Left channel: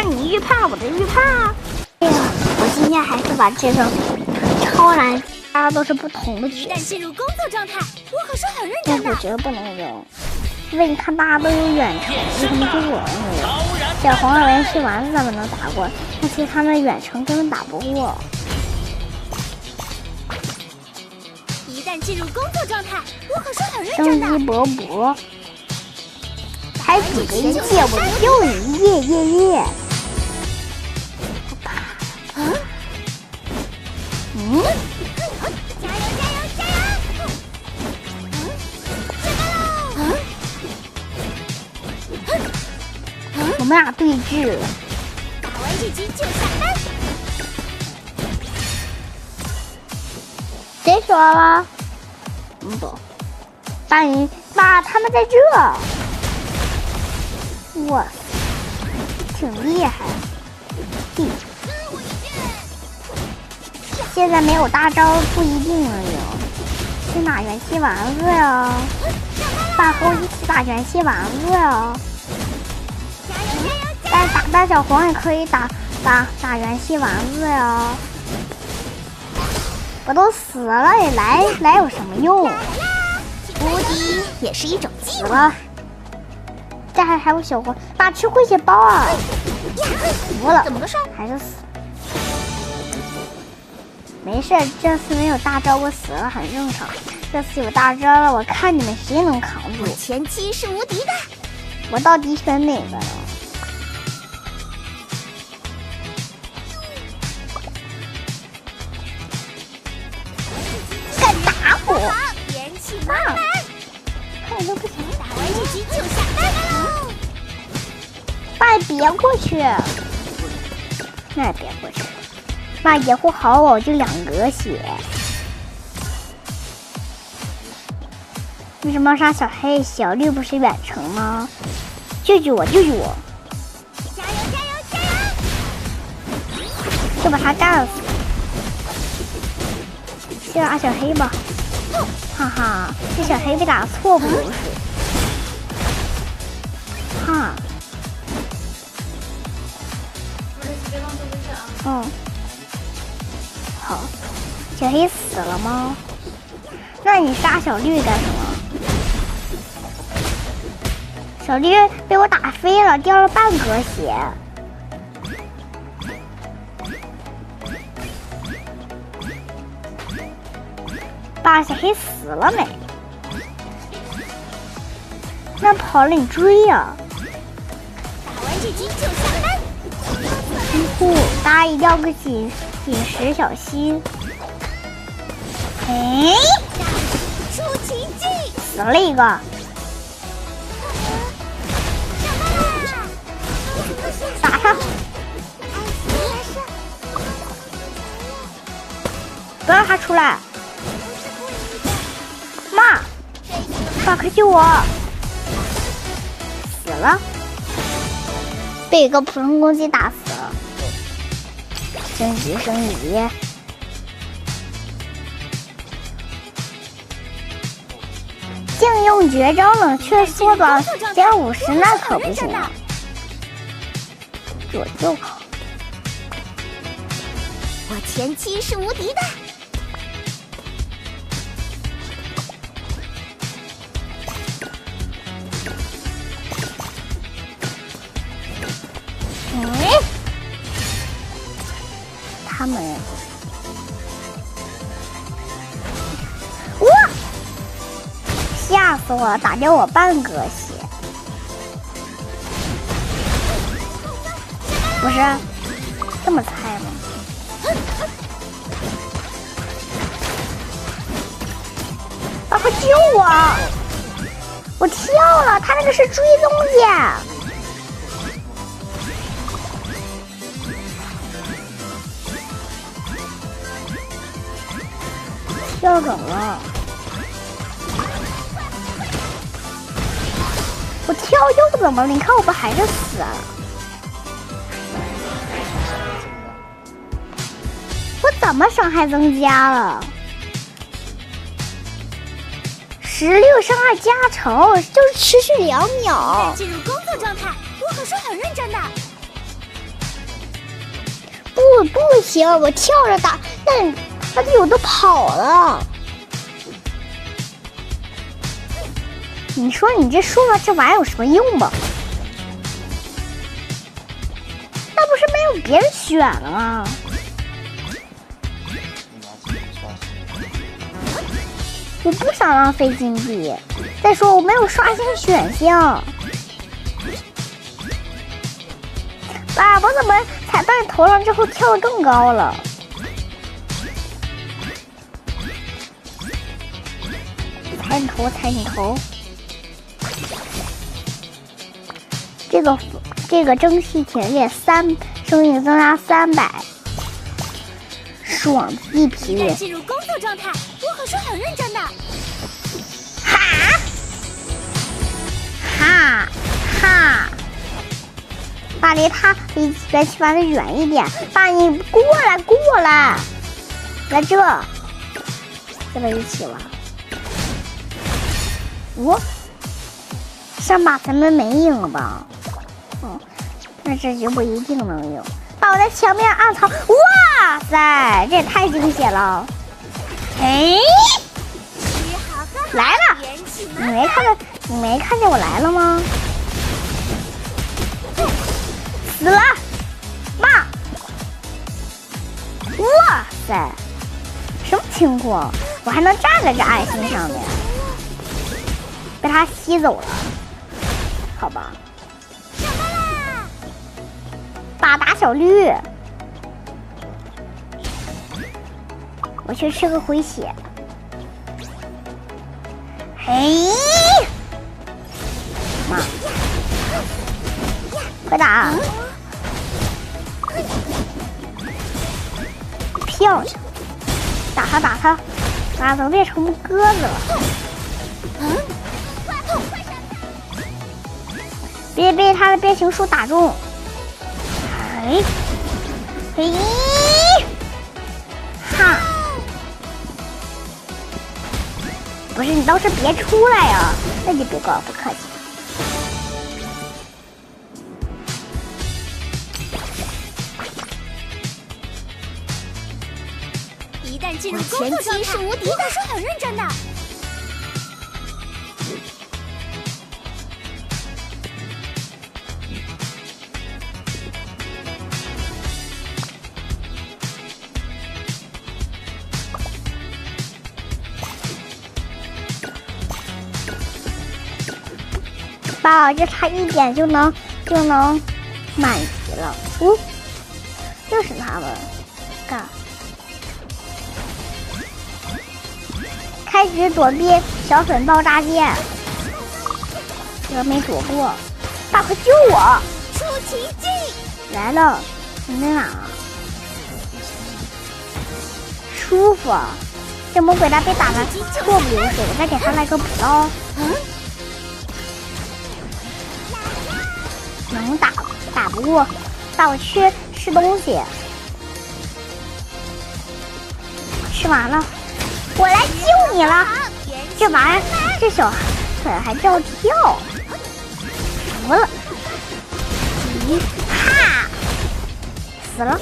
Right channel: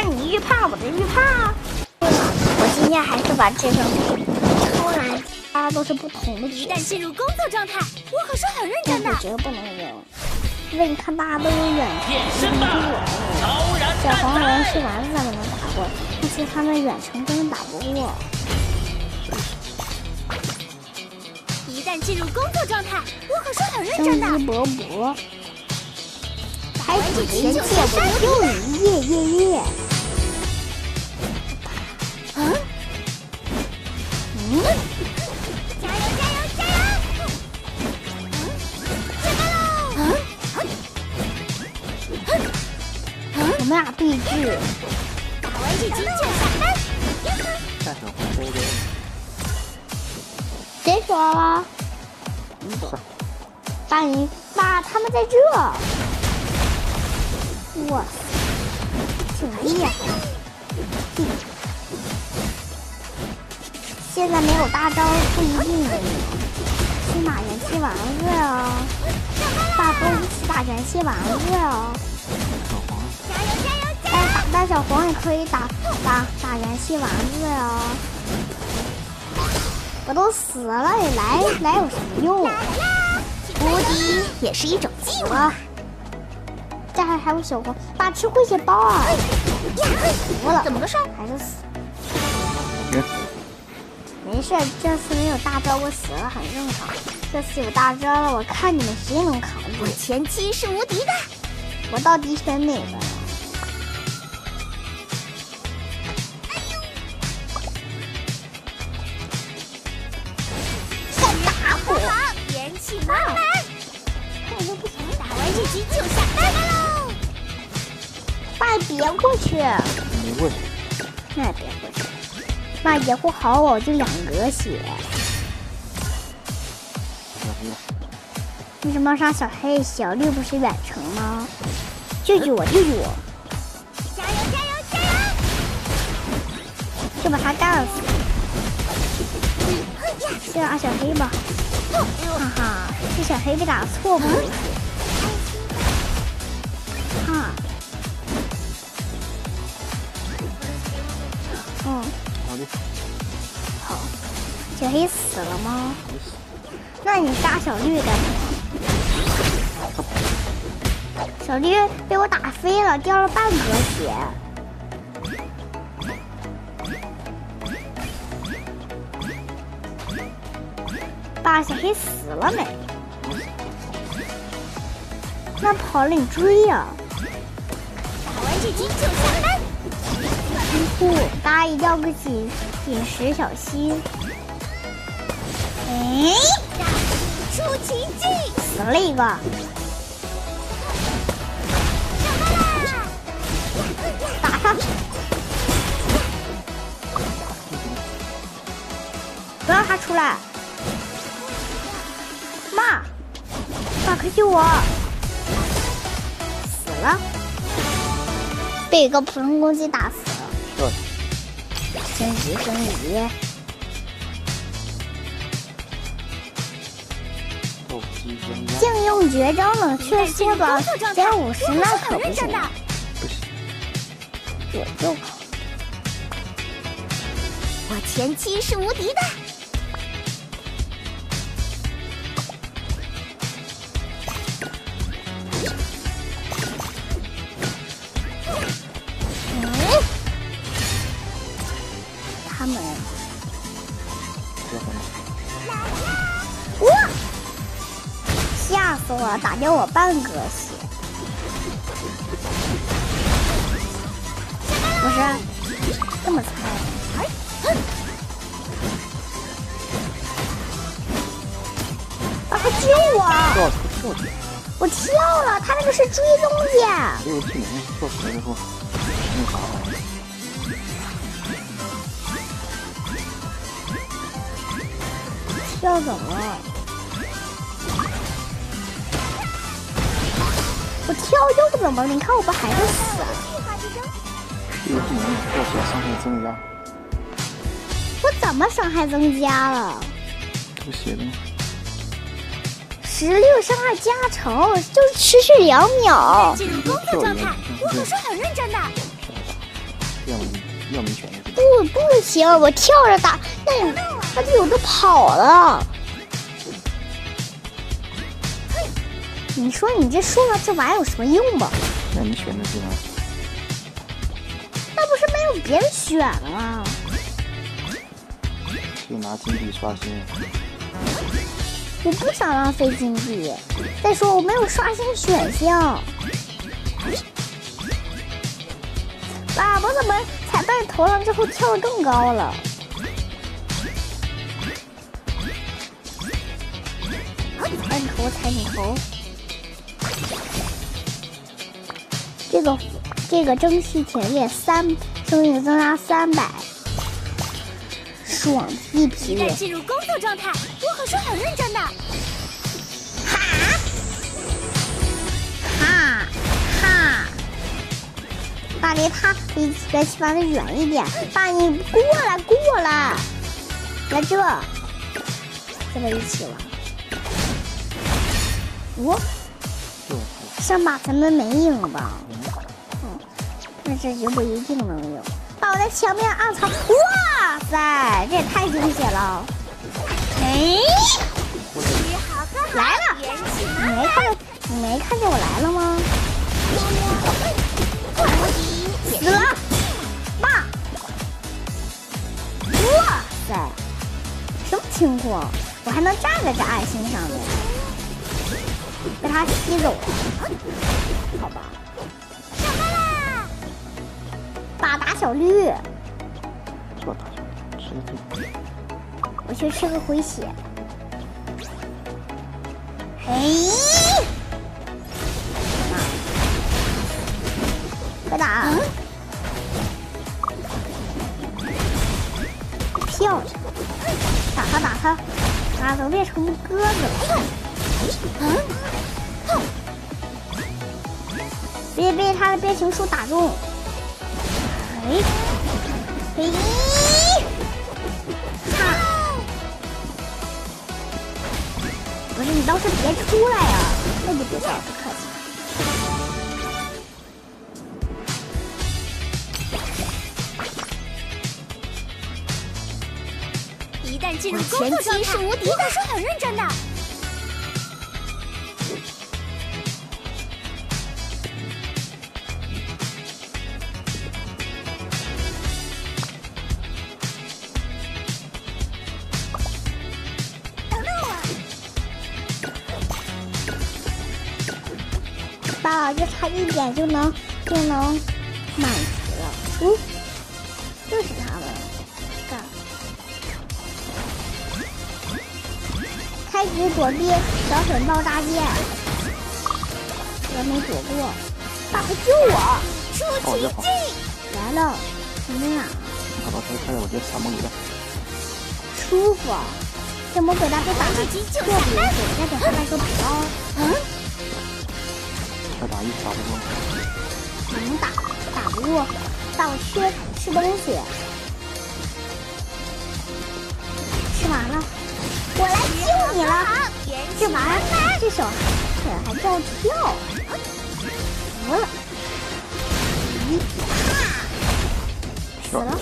是你预判我的预判啊！哎呀，我今天还是玩这个超难，大家都是不同的。一旦进入工作状态，我可是很认真的。我觉得不能用，因为你看大家都有远程，小黄人去丸子咱们能打过，但其实他们远程根本打不过。一旦进入工作状态，我可是很认真的。生机勃勃，开始前进，我救你，耶耶耶！加油加油加油！下班喽！我们俩对峙，打完这局就下班。谁说了？爸，他们在这。哇，挺厉害。现在没有大招不一定能赢。去打元气丸子呀！大风一起打元气丸子呀！加油加油加油！但打大小黄也可以打元气丸子呀！我都死了，你来有什么用？无敌也是一种技能。这还有小黄，爸吃回血包啊！服了，怎么个事？还是死。没事，这次没有大招，我死了很正常。这次有大招了，我看你们谁能扛住。我前期是无敌的。我到底选哪个呀？元气满满，看都不行，打完这局就下班喽。爸，别过去。那也别过去。爸，野护好我，就2格血。为什么要杀小黑？小绿不是远程吗？救救我，救救我！加油加油加油！就把他干死。先打小黑吧。哈哈，这小黑被打错步。哈。好。小黑死了吗？那你杀小绿干什么？小绿被我打飞了，掉了半格血。爸，小黑死了没？那跑了你追呀！打完这局就下班。大家一定要个紧实小心。哎，出奇迹，死了一个。上班啦！打他！不让他出来！妈，爸，快救我！死了，被一个普通攻击打死了。升级升级！竟用绝招冷却缩短0.50%，那可不行。我就好。我前期是无敌的。他们，哇！吓死我了，打掉我半格血。不是这么菜的。爸爸救我！我跳了，他那个是追踪剑。跳怎么了？我跳又怎么了？你看我不还是死啊？我怎么伤害增加了？16伤害加成，就是持续2秒。进入工作状态，我可是很认真的。热门选的。不行，我跳着打，那队友都跑了。你说你这说了这玩意儿有什么用吧？让你选的是吗？那不是没有别人选了吗？可以拿金币刷新。我不想浪费金币，再说我没有刷新选项。哇，我怎么踩到你头上之后跳得更高了？踩你头，踩你头。这个蒸汽铁链生命增加300，爽一批！一旦进入工作状态，我可是很认真的。爸，离他离元气丸子远一点。爸，你过来，来这，跟他一起玩。上把咱们没赢吧？那这局不一定能赢。爸，我在墙边暗藏。哇塞，这也太惊险了！哎，吃好喝好，来了！元气满你没看见我来了吗？死了，妈！哇塞，什么情况？我还能站在这爱心上面，被他吸走了，好吧？上班啦！爸打小绿，我去吃个回血。嘿，快打！漂亮，打他，打怎么变成鸽子了？别被他的变形术打中！嘿，哈！不是你倒是别出来呀！那你别跟我不客气。一旦进入工作状态，是无敌的，是很认真的。爸，这差一点就能满级了。又是他们干。开始躲避小粉爆炸剑，这没躲过。爸，快救我！出奇迹来了，你在哪儿？舒服。这魔鬼蛋被打的破皮了，再给他来个补刀。能打不过。爸，我去吃东西。吃完了，我来救你了。这玩意儿，这小腿还照跳。服了。哈！死了。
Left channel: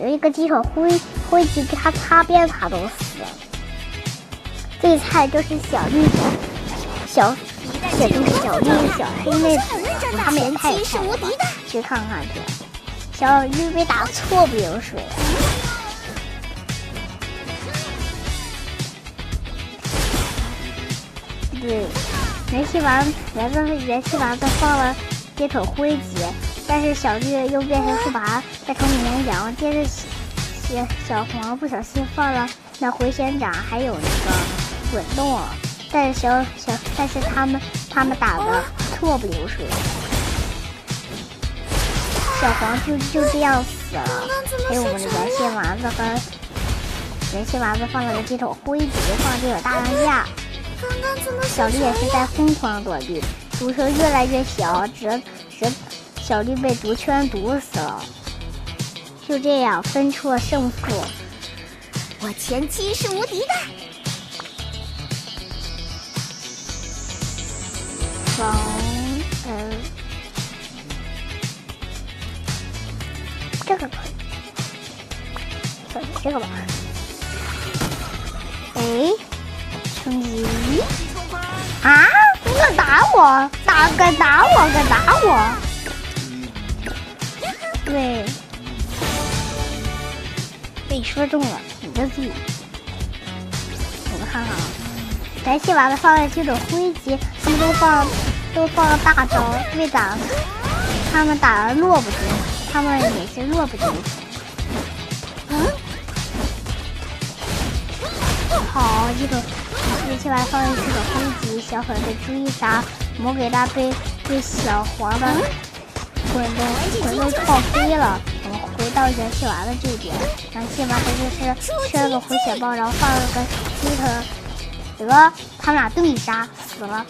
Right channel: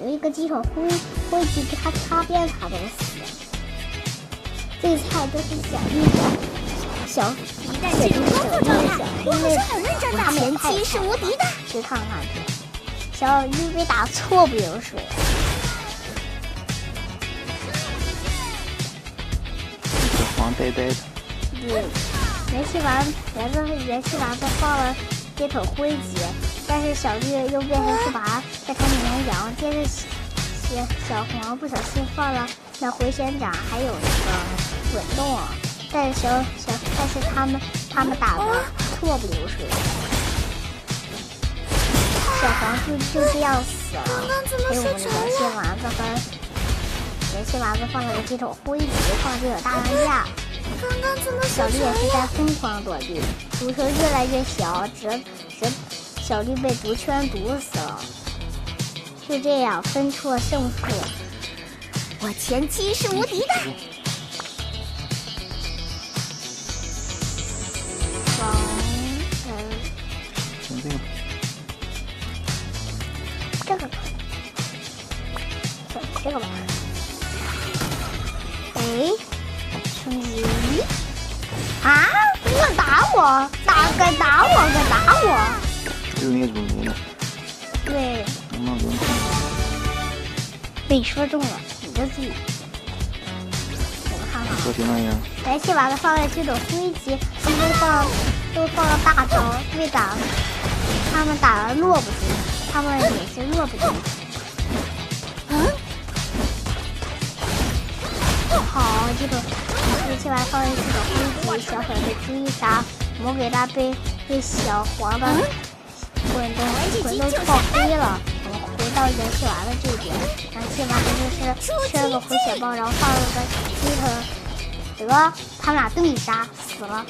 有一个鸡腿灰机给他擦边，他都死了。最菜就是小绿小一旦进入工作状态，我可是很认真的。前期是无敌的。去看看去，小绿被打错不流水。对，元气丸子放了街头灰级，但是小绿又变成树拔，再成绵羊，接着小黄不小心放了那回旋掌，还有那个滚动，但是他们打的错不流水，小黄就这样死了。还有我们的元气丸子放了个街头灰级，放这个大当家。小绿也是在疯狂躲避，毒球越来越小，小绿被毒圈毒死了。就这样分出了胜负。我前期是无敌的。个吧。哎，升级啊！你敢打我？敢打我！就是那个主播。对，被你说中了，你的自己。我们看看啊，来戏娃的放在这种灰级，他们都放了大招，为打他们打了落不住，他们也是落不住。好，这个戏娃放在这种灰级，小粉被追杀，魔给他被小黄的滚动爆飞了。我们回到元气娃的这边，元气娃他就是吃了个回血包，然后放了个鸡头，得他们俩对杀死了。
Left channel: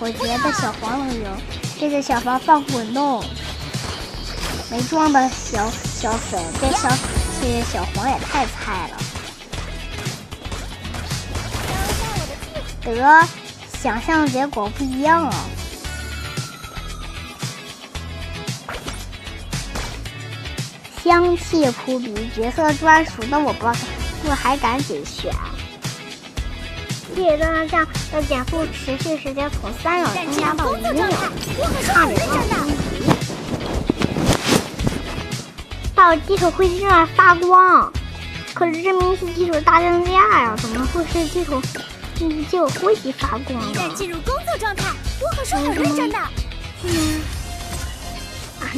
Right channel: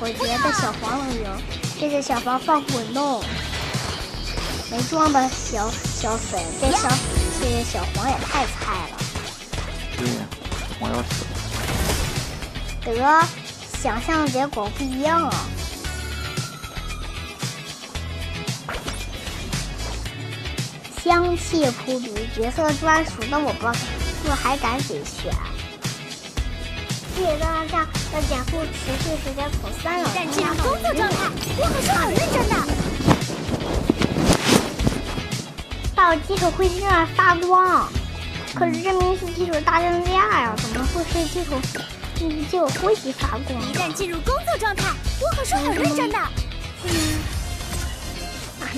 我觉得小黄能赢。这是小黄放滚动，没装的小粉这小黄也太菜了。得，想象结果不一样啊。香气扑鼻，角色专属的我还敢给选。这张上要减速持续时间从3秒进入工作状态，我可是很认真的。到基础会在那发光，可是这明是基础大增加呀，怎么会是基础灰级发光？一旦进入工作状态，我可是很认真的。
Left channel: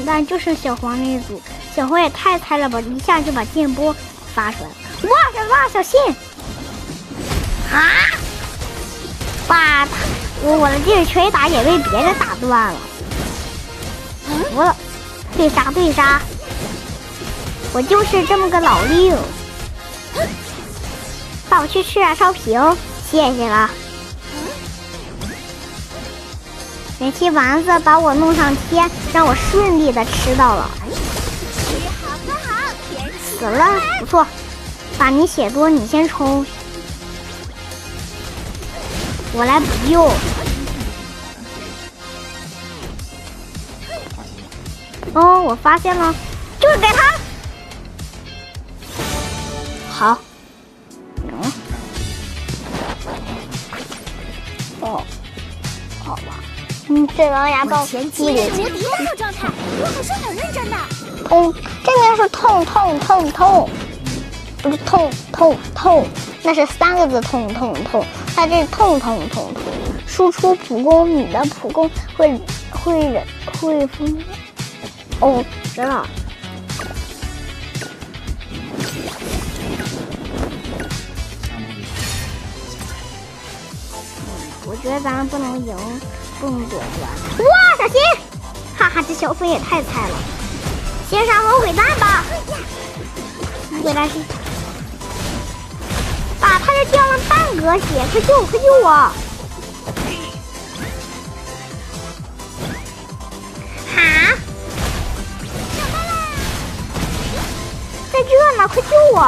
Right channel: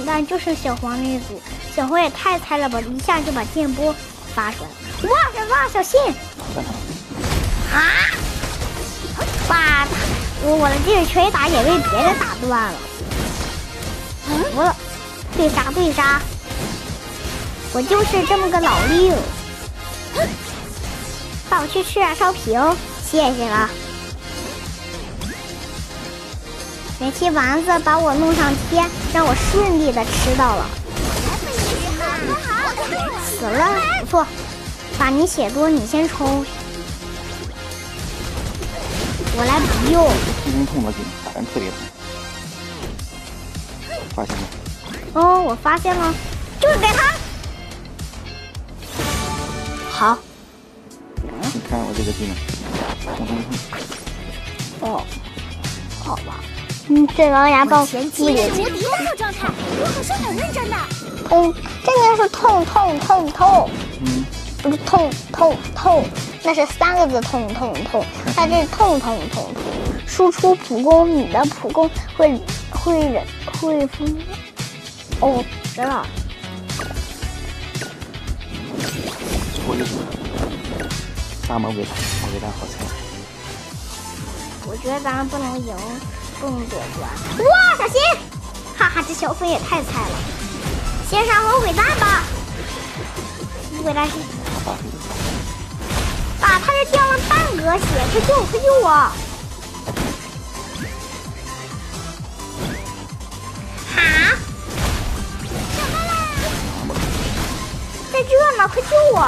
但就是小黄那一组，小黄也太菜了吧！一下就把电波发出来，哇，小心！啊！哇，我的这个拳打也被别人打断了。我对杀！我就是这么个老六。带我去吃点烧饼，谢谢了。元气丸子把我弄上天，让我顺利的吃到了。死了，不错。爸，你血多，你先冲。我来补救。发现了。哦，我发现了，就是给他。好。你看我这个技能，哦，好吧。这狼牙棒前期是无敌的状态，我可是很认真的。痛，这边是痛，不是痛，那是3个字痛，它这是痛。输出普攻，你的普攻会封。哦，知道。最后一步，大魔鬼大火柴。我觉得咱们不能赢。不能躲过！哇，小心！哈哈，这小粉也太菜了。先上魔鬼蛋吧。魔鬼蛋是，爸，他这掉了半格血，快救我！哈！上班啦！在这呢，快救我！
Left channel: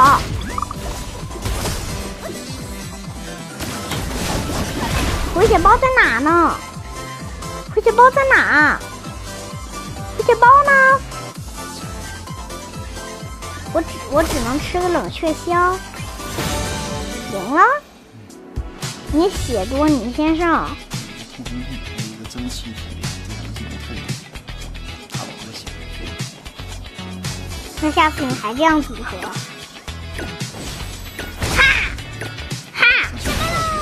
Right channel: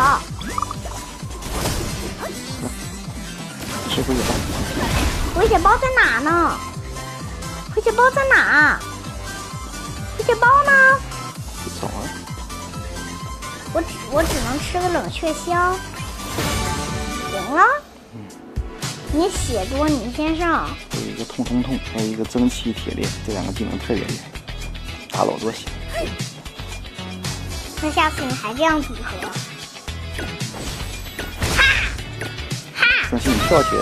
回血包在哪呢？回血包在哪？回血包呢？我只能吃个冷却香。行了，你血多，你先上。有一个痛，还有一个蒸汽铁链，这2个技能特别厉害，打老多血。那下次你还这样组合？哈！真是跳起来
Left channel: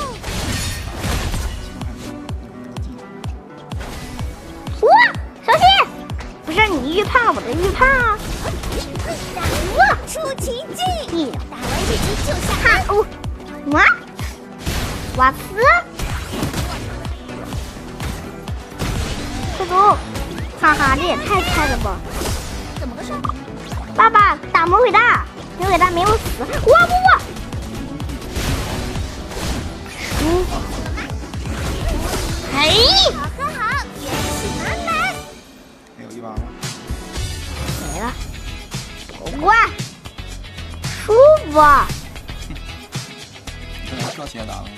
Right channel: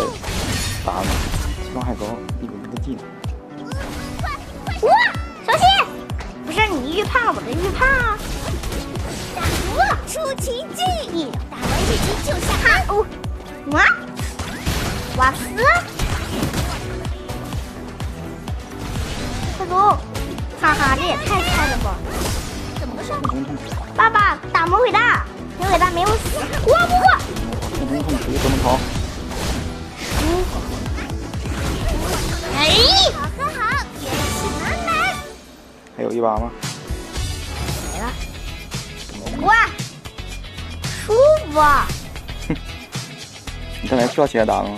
打了，伤害高，一个技能。哇，小心！不是你预判了我的预判啊！哇，出奇迹！打完这局就下班。瓦斯，快走！哈哈，这也太菜了吧！怎么个事？爸爸打魔鬼蛋，魔鬼蛋没有死。不！哎！好，元气满满。还有1把吗？没了。哇，舒服。你刚才跳起来打了吗？